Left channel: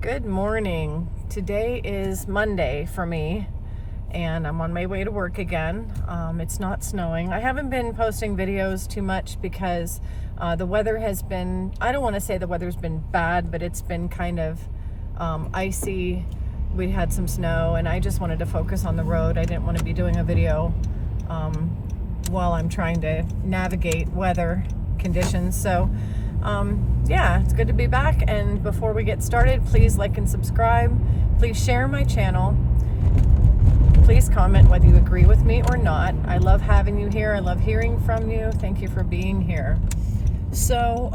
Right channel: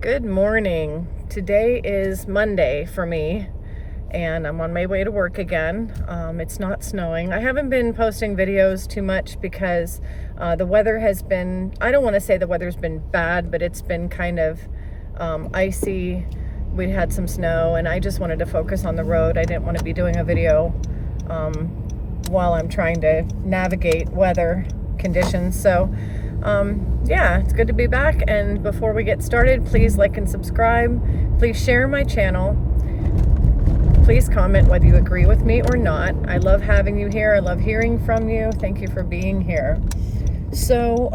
Good morning. Today is Monday for me, and I'm on my way to work again. It's not snowing. I haven't been posting videos too much because the weather has been, I don't want to say the weather's been bad, but it's been kind of icy. We had some snow, and I just wanted to focus on the road. I didn't want to be doing a video while I'm trying to navigate weather conditions. So yeah, it's good to be back. And before we get started, please like and subscribe. Please share my channel. Please comment whether you agree with me or not. I love having you here. I love hearing from you. Thank you for being here. So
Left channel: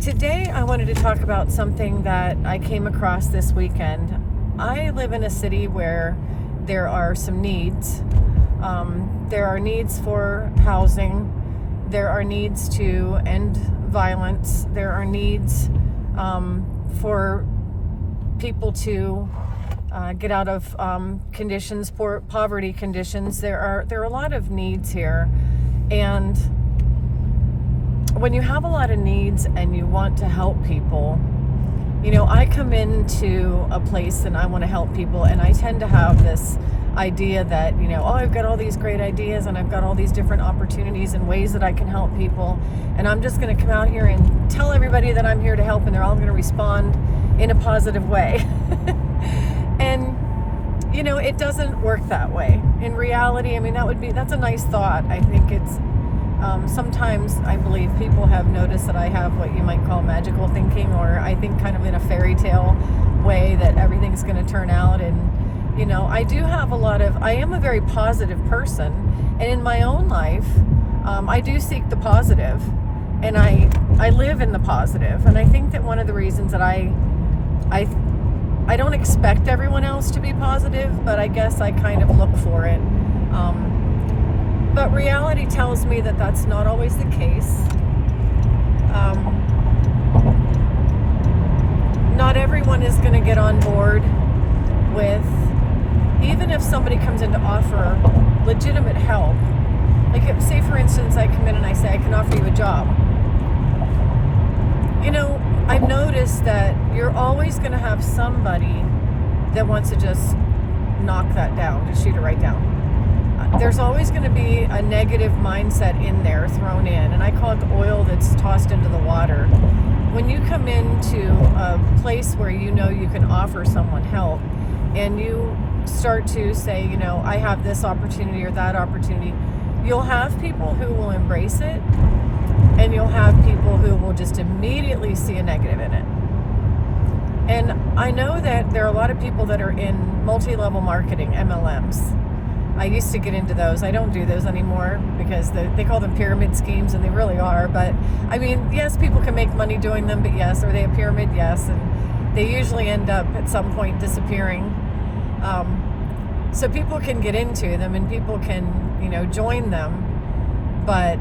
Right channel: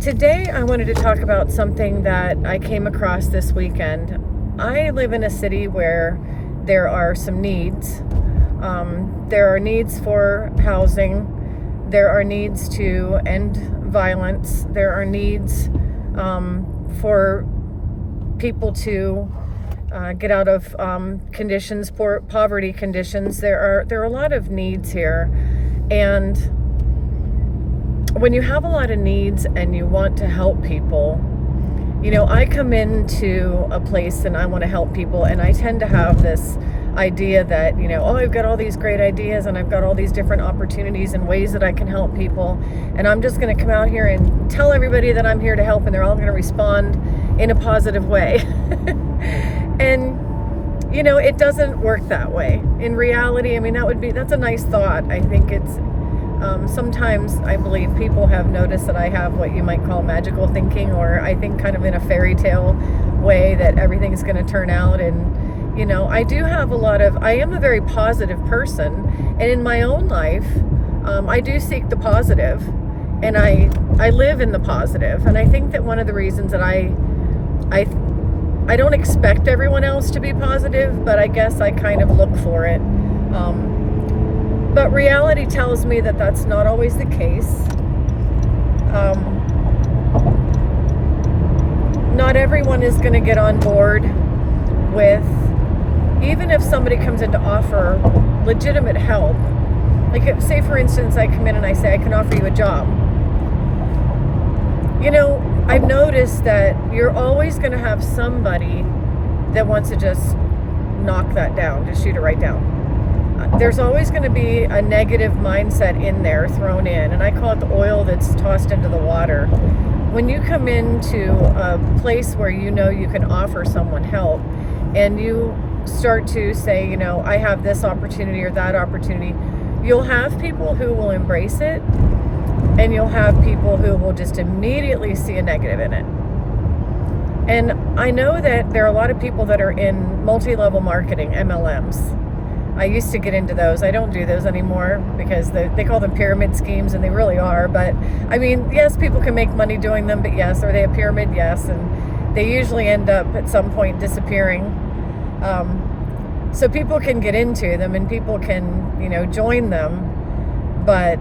today I wanted to talk about something that I came across this weekend. I live in a city where there are some needs. There are needs for housing. There are needs to end violence. There are needs for people to get out of conditions, poverty conditions. There are a lot of needs here, and when you have a lot of needs and you want to help people, you know, I come into a place and I want to help people, and I tend to have this idea that, you know, oh, I've got all these great ideas and I've got all these different opportunities and ways that I can help people, and I'm just going to come out here and tell everybody that I'm here to help, and they're all going to respond in a positive way. And you know, it doesn't work that way in reality. I mean, that's a nice thought. I think it's sometimes I believe people have noticed that I have what you might call magical thinking, or I think kind of in a fairy tale way that everything's going to turn out. And you know, I am a very positive person, and in my own life, I do seek the positive, and I live in the positive. And I think that one of the reasons that I don't expect everyone else to be positive, but I guess I kind of look for it. But reality tells me that that's not always the case. Not everyone is going to get on board with, even if somebody comes in to offer legitimate help. Like, say for instance, I come in and I say, I can offer you a job. You know, I've noticed that you're always going to have somebody that wants to just knock that down, just shoot it right down. There's always going to be a negative mindset in there thrown in, and I call it the oil that's tossed into the water. When you come into a place where you know you can offer someone help, and you start to say, you know, I have this opportunity or that opportunity, you'll have people who will embrace it, and you'll have people who will just immediately see a negative in it. And I know that there are a lot of people that are in multi-level marketing, MLMs. I used to get into those. I don't do those anymore because they call them pyramid schemes, and they really are. But I mean, yes, people can make money doing them, but yes, are they a pyramid? Yes. And they usually end up at some point disappearing. So people can get into them and people can, you know, join them. But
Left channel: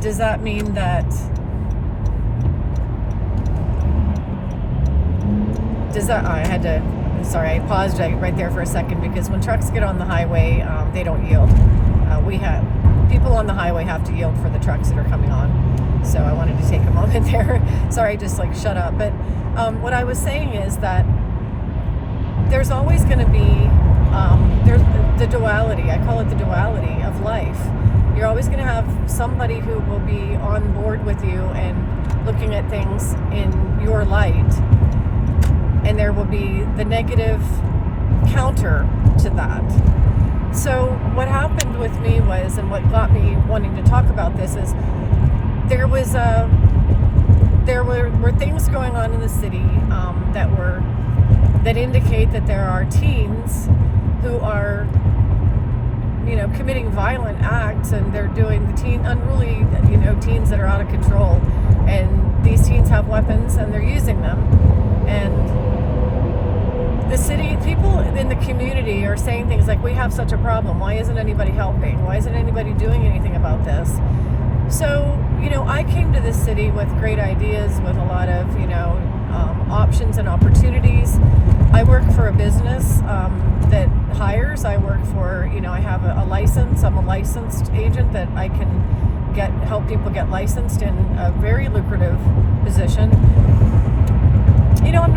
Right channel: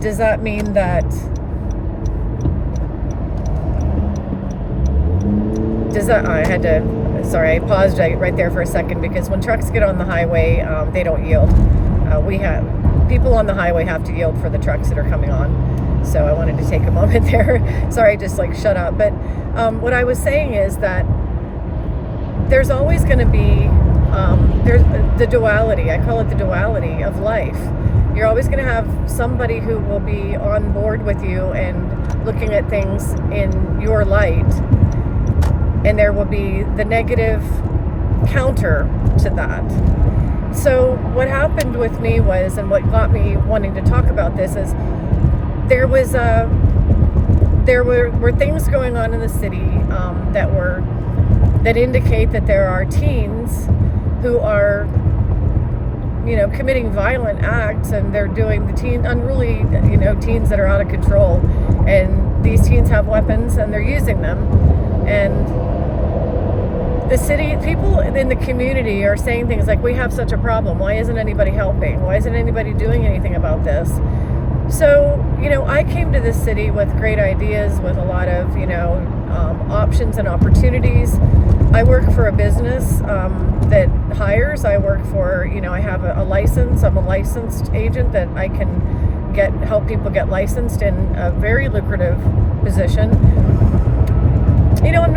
does that mean that, I paused right there for a second, because when trucks get on the highway, they don't yield. People on the highway have to yield for the trucks that are coming on. So I wanted to take a moment there. Sorry, just like shut up. But what I was saying is that there's always going to be there's the duality. I call it the duality of life. You're always going to have somebody who will be on board with you and looking at things in your light, and there will be the negative counter to that. So what happened with me was, and what got me wanting to talk about this, is there were things going on in the city that indicate that there are teens who are, you know, committing violent acts, and they're doing unruly, you know, teens that are out of control, and these teens have weapons and they're using them. And the city people in the community are saying things like, we have such a problem, why isn't anybody helping, why isn't anybody doing anything about this? So, you know, I came to this city with great ideas, with a lot of, you know, options and opportunities. I work for a business that hires. I work for, you know, I have a license. I'm a licensed agent that I can help people get licensed in a very lucrative position. I'm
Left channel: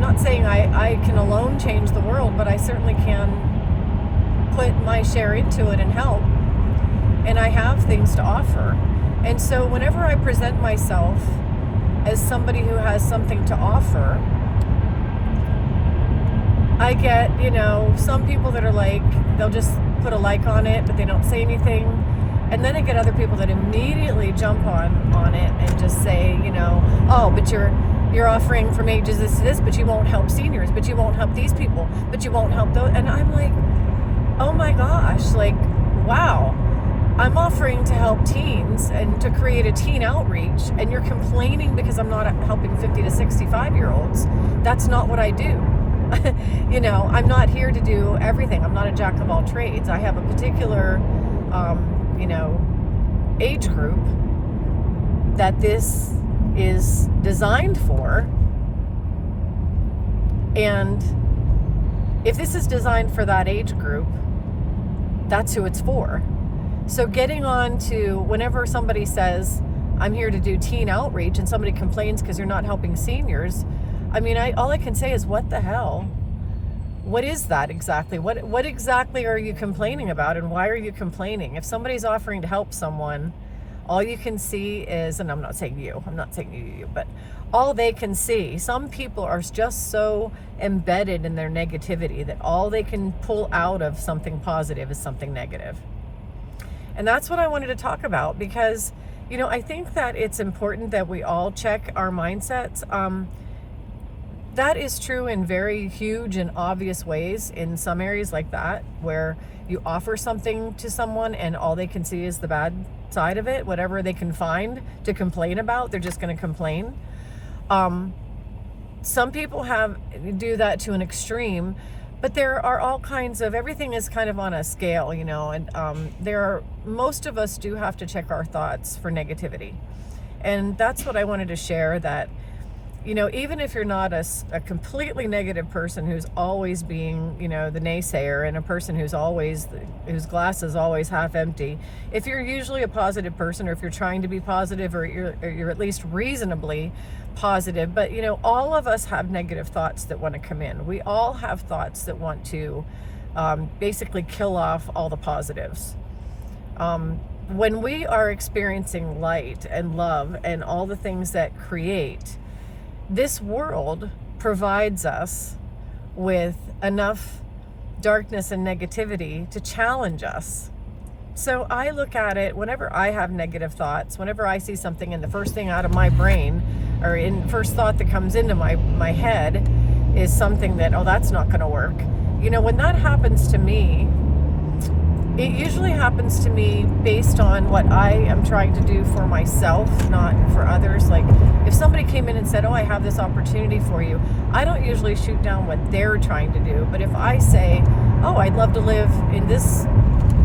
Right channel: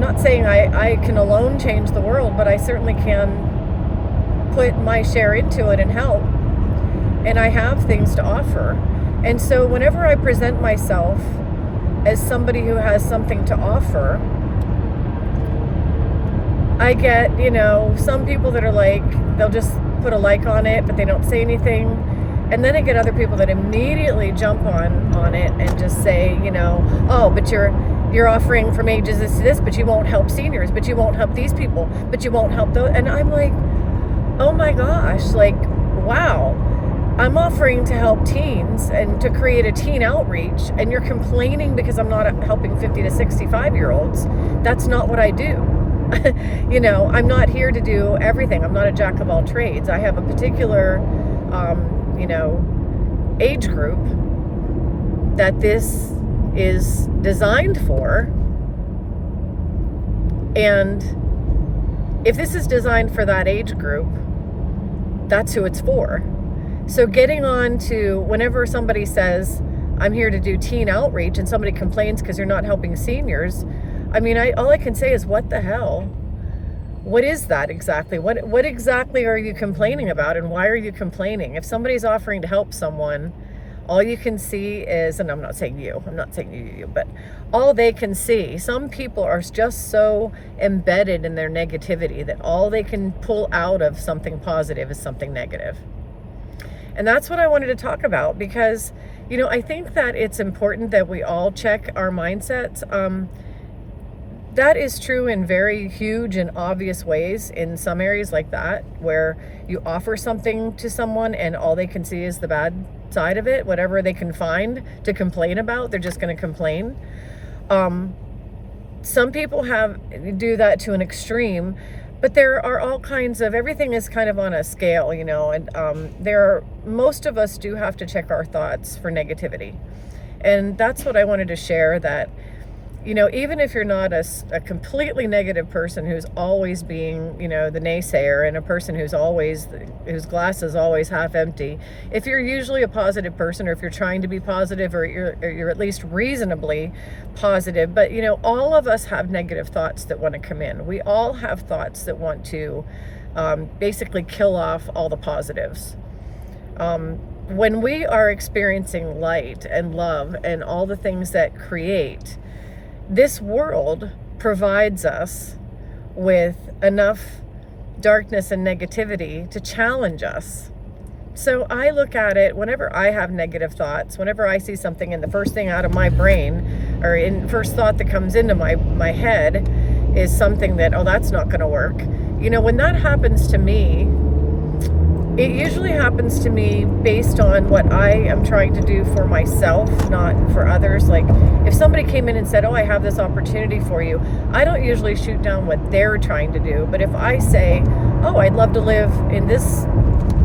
not saying I can alone change the world, but I certainly can put my share into it and help. And I have things to offer. And so whenever I present myself as somebody who has something to offer, I get, some people that are like, they'll just put a like on it, but they don't say anything. And then I get other people that immediately jump on it and just say, oh, but you're offering from ages this to this, but you won't help seniors, but you won't help these people, but you won't help those. And I'm like, oh my gosh, like, wow. I'm offering to help teens and to create a teen outreach, and you're complaining because I'm not helping 50 to 65-year-olds. That's not what I do. I'm not here to do everything. I'm not a jack of all trades. I have a particular, age group that this is designed for. And if this is designed for that age group, that's who it's for. So getting on to whenever somebody says, I'm here to do teen outreach, and somebody complains because you're not helping seniors, all I can say is, what the hell? What is that exactly? What exactly are you complaining about, and why are you complaining? If somebody's offering to help someone, all you can see is, and I'm not saying you, but all they can see, some people are just so embedded in their negativity that all they can pull out of something positive is something negative. And that's what I wanted to talk about, because, I think that it's important that we all check our mindsets. That is true in very huge and obvious ways in some areas like that, where you offer something to someone and all they can see is the bad side of it. Whatever they can find to complain about, they're just going to complain. Some people do that to an extreme, but there are all kinds of, everything is kind of on a scale, and most of us do have to check our thoughts for negativity. And that's what I wanted to share, that, even if you're not a completely negative person who's always being, the naysayer, and a person whose glass is always half empty, if you're usually a positive person, or if you're trying to be positive, or you're at least reasonably positive, but all of us have negative thoughts that want to come in. We all have thoughts that want to basically kill off all the positives. When we are experiencing light and love and all the things that create, this world provides us with enough darkness and negativity to challenge us. So I look at it, whenever I have negative thoughts, whenever I see something, and the first thing out of my brain, or first thought that comes into my head is something that, oh, that's not going to work. When that happens to me, it usually happens to me based on what I am trying to do for myself, not for others. Like, if somebody came in and said, oh, I have this opportunity for you, I don't usually shoot down what they're trying to do. But if I say, oh, I'd love to live in this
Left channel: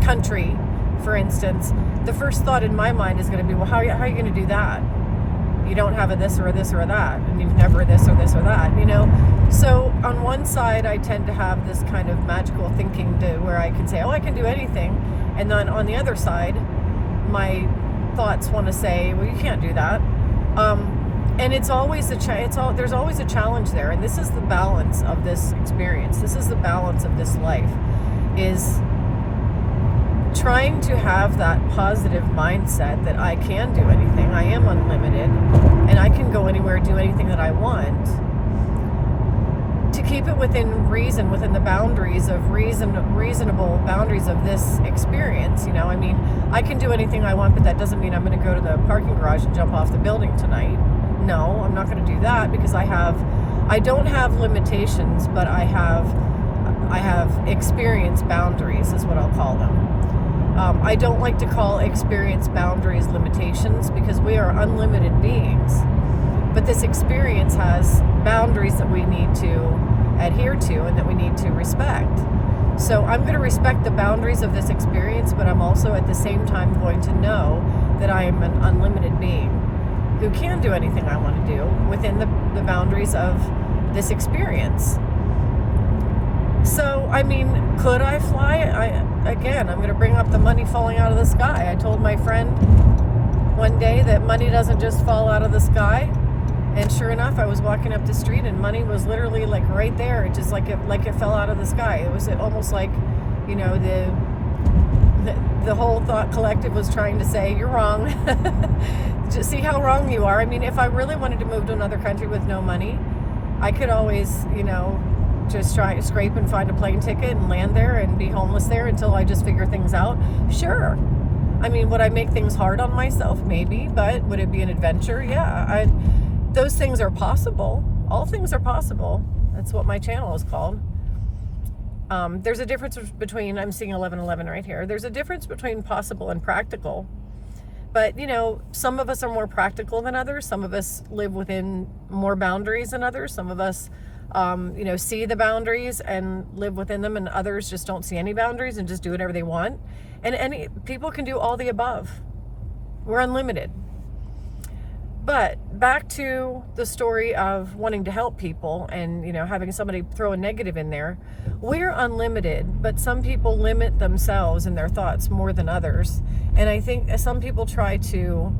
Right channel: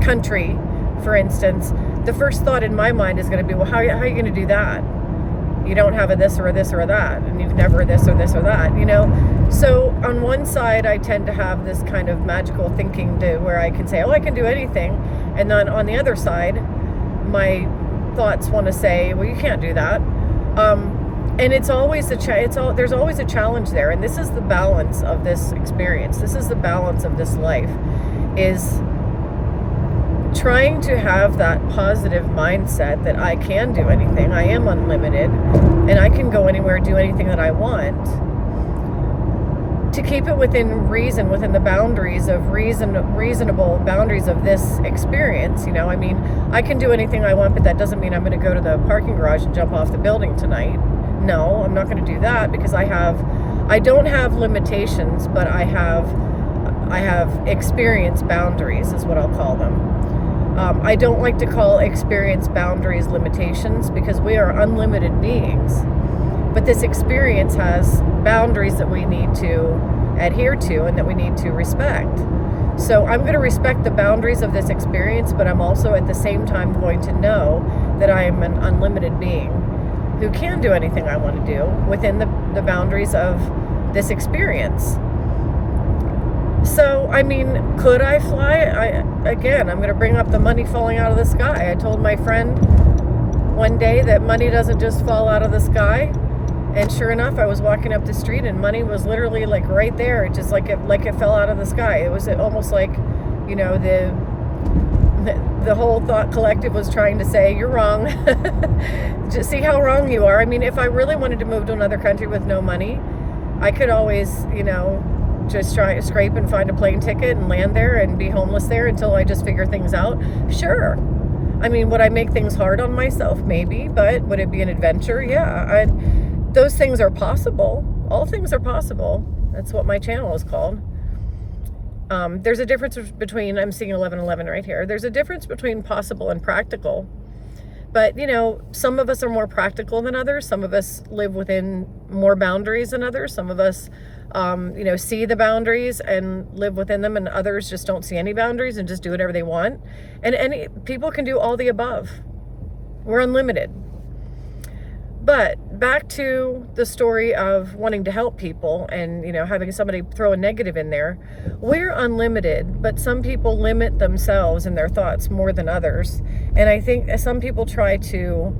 country, for instance, the first thought in my mind is going to be, well, how are you going to do that? You don't have a this or a this or a that, and you've never this or this or that, So on one side, I tend to have this kind of magical thinking where I can say, oh, I can do anything. And then on the other side, my thoughts want to say, well, you can't do that. And it's always there's always a challenge there. And this is the balance of this experience. This is the balance of this life, is trying to have that positive mindset that I can do anything. I am unlimited, and I can go anywhere, do anything that I want. To keep it within reason, within the boundaries of reasonable boundaries of this experience. I can do anything I want, but that doesn't mean I'm going to go to the parking garage and jump off the building tonight. No, I'm not going to do that, because I don't have limitations, but I have experience boundaries, is what I'll call them. I don't like to call experience boundaries limitations, because we are unlimited beings. But this experience has boundaries that we need to adhere to and that we need to respect. So I'm going to respect the boundaries of this experience, but I'm also at the same time going to know that I am an unlimited being who can do anything I want to do within the boundaries of this experience. So, could I fly? I'm going to bring up the money falling out of the sky. I told my friend one day that money doesn't just fall out of the sky. And sure enough, I was walking up the street and money was literally like right there. It just like it fell out of the sky. It was almost like, you know, the whole thought collective was trying to say, you're wrong. Just see how wrong you are. I mean, if I really wanted to move to another country with no money, I could always, you know, just try to scrape and find a plane ticket and land there and be homeless there until I just figure things out. Sure. I mean, would I make things hard on myself? Maybe, but would it be an adventure? Yeah. Those things are possible. All things are possible. That's what my channel is called. There's a difference between, I'm seeing 1111 right here. There's a difference between possible and practical. But, you know, some of us are more practical than others. Some of us live within more boundaries than others. Some of us, you know, see the boundaries and live within them, and others just don't see any boundaries and just do whatever they want. And people can do all the above. We're unlimited. But back to the story of wanting to help people and, you know, having somebody throw a negative in there. We're unlimited, but some people limit themselves and their thoughts more than others. And I think some people try to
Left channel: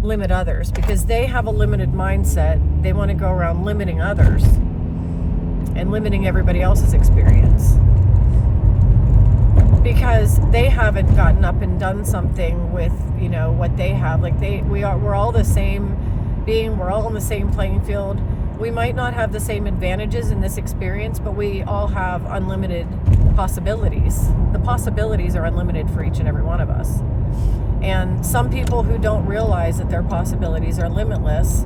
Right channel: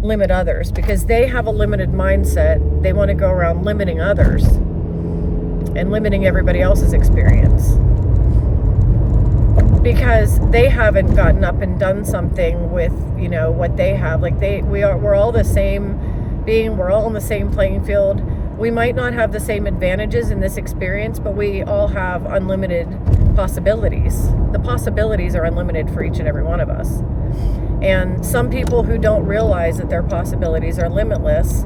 limit others because they have a limited mindset. They want to go around limiting others and limiting everybody else's experience because they haven't gotten up and done something with, you know, what they have. Like we're all the same being. We're all on the same playing field. We might not have the same advantages in this experience, but we all have unlimited possibilities. The possibilities are unlimited for each and every one of us. And some people who don't realize that their possibilities are limitless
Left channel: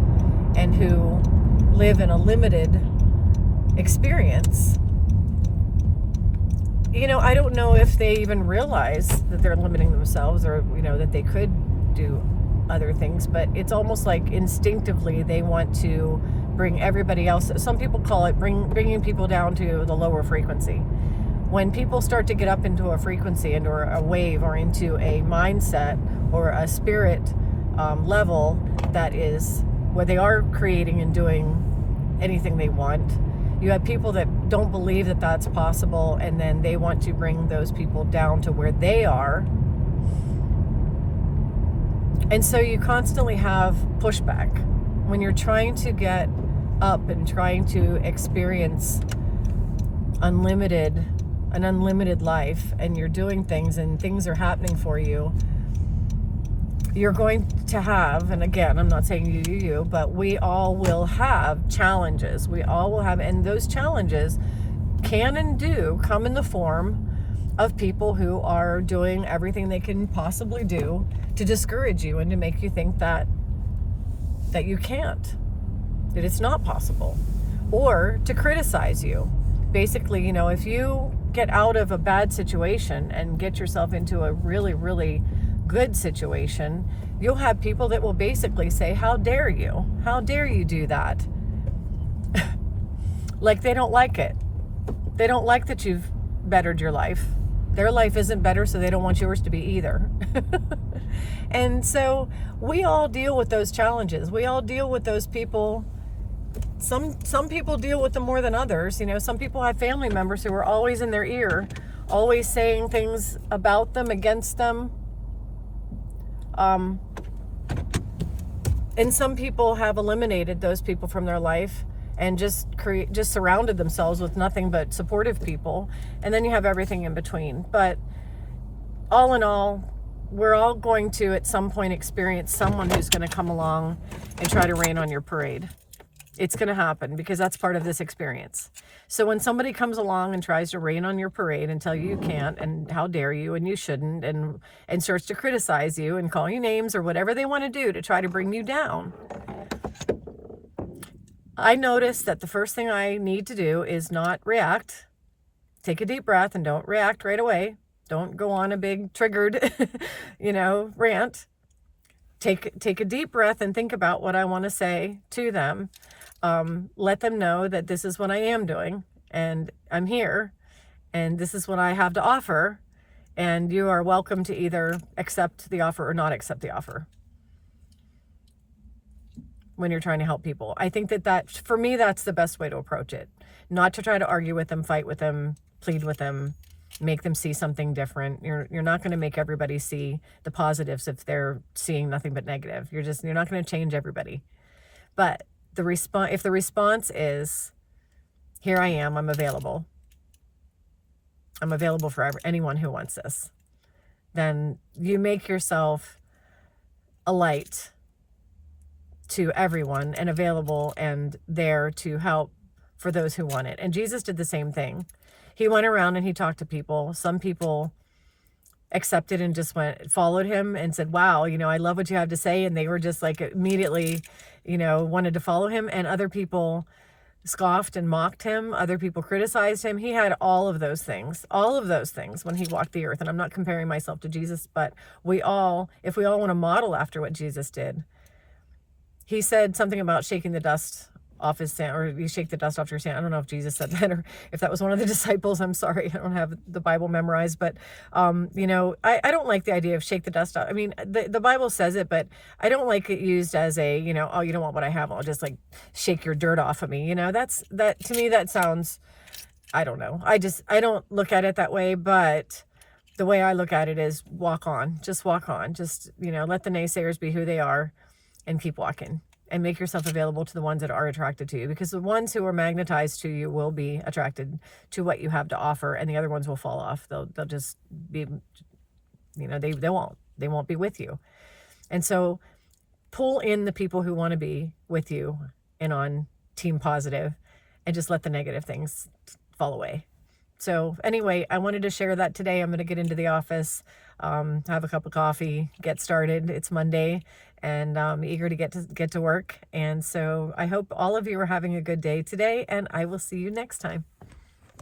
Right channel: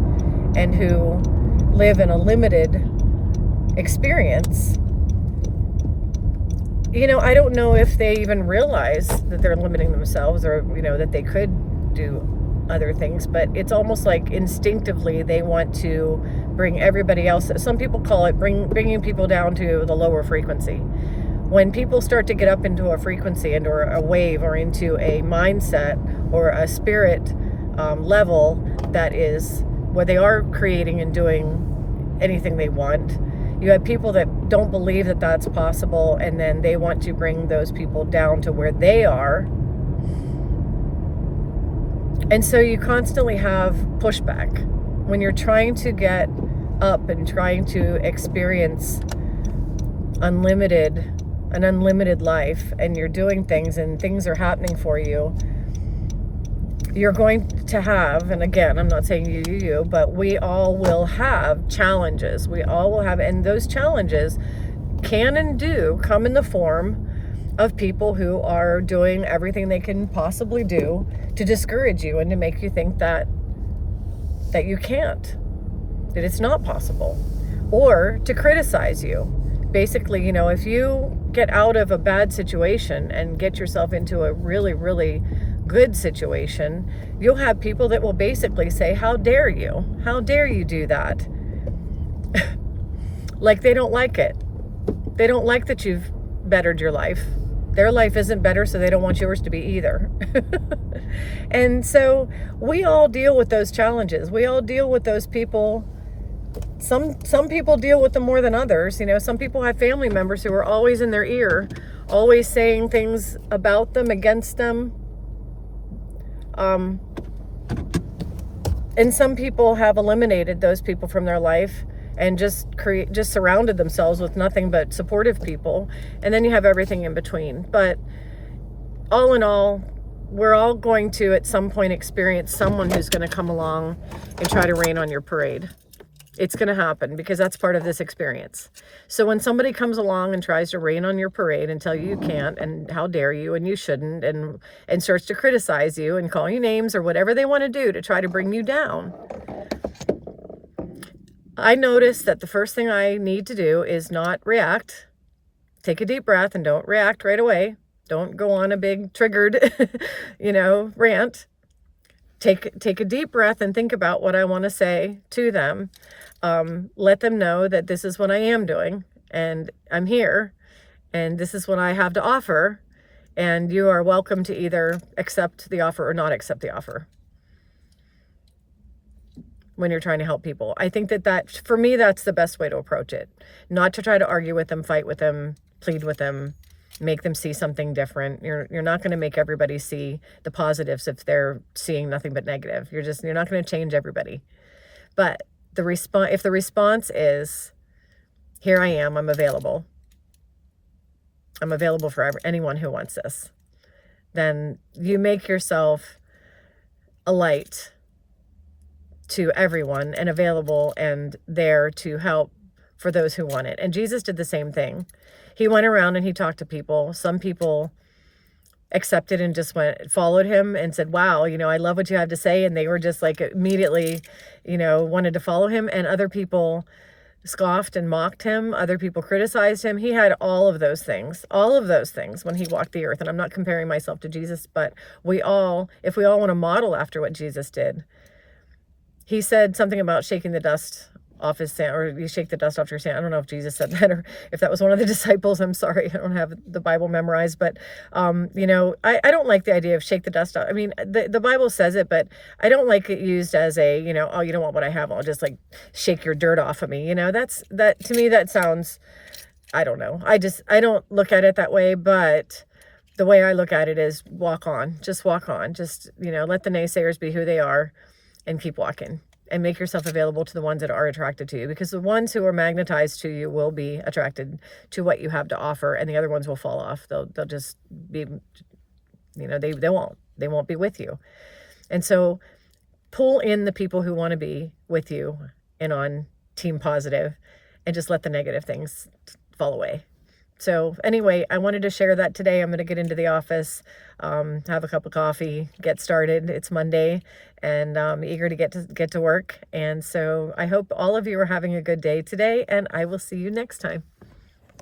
and who live in a limited experience, you know, I don't know if they even realize that they're limiting themselves or, you know, that they could do other things, but it's almost like instinctively they want to bring everybody else. Some people call it bringing people down to the lower frequency. When people start to get up into a frequency and or a wave or into a mindset or a spirit level that is where they are creating and doing anything they want, you have people that don't believe that that's possible, and then they want to bring those people down to where they are. And so you constantly have pushback when you're trying to get up and trying to experience an unlimited life, and you're doing things and things are happening for you. You're going to have, and again, I'm not saying you, but we all will have challenges. We all will have, and those challenges can and do come in the form of people who are doing everything they can possibly do to discourage you and to make you think that you can't, that it's not possible, or to criticize you. Basically, you know, if you get out of a bad situation and get yourself into a really, really good situation, you'll have people that will basically say, how dare you? How dare you do that? Like they don't like it. They don't like that you've bettered your life. Their life isn't better, so they don't want yours to be either. And so we all deal with those challenges. We all deal with those people. Some people deal with them more than others. You know, some people have family members who are always in their ear, always saying things about them, against them. And some people have eliminated those people from their life and just surrounded themselves with nothing but supportive people. And then you have everything in between. But all in all, we're all going to at some point experience someone who's going to come along and try to rain on your parade. It's going to happen because that's part of this experience. So when somebody comes along and tries to rain on your parade and tell you can't and how dare you and you shouldn't and starts to criticize you and call you names or whatever they want to do to try to bring you down, I notice that the first thing I need to do is not react. Take a deep breath and don't react right away. Don't go on a big triggered, rant. Take a deep breath and think about what I want to say to them. Let them know that this is what I am doing and I'm here and this is what I have to offer, and you are welcome to either accept the offer or not accept the offer when you're trying to help people. I think that for me, that's the best way to approach it. Not to try to argue with them, fight with them, plead with them, make them see something different. You're not going to make everybody see the positives if they're seeing nothing but negative. You're not going to change everybody. But if the response is, here I am, I'm available for anyone who wants this, then you make yourself a light to everyone and available and there to help for those who want it. And Jesus did the same thing. He went around and he talked to people. Some people accepted and just followed him and said, wow, I love what you have to say. And they were just like immediately, wanted to follow him. And other people scoffed and mocked him. Other people criticized him. He had all of those things when he walked the earth. And I'm not comparing myself to Jesus, but if we all want to model after what Jesus did, he said something about shaking the dust off his sand, or you shake the dust off your sand. I don't know if Jesus said that or if that was one of the disciples. I'm sorry, I don't have the Bible memorized, but I don't like the idea of shake the dust off. I mean, the Bible says it, but I don't like it used as a, oh, you don't want what I have, I'll just like shake your dirt off of me. That to me, that sounds, I don't know. I don't look at it that way, but the way I look at it is walk on, just let the naysayers be who they are and keep walking. And make yourself available to the ones that are attracted to you, because the ones who are magnetized to you will be attracted to what you have to offer, and the other ones will fall off. They'll just be, they won't be with you. And so pull in the people who want to be with you and on team positive, and just let the negative things fall away. So anyway, I wanted to share that today. I'm going to get into the office, have a cup of coffee, get started. It's Monday, and I'm eager to get to work. And so I hope all of you are having a good day today, and I will see you next time.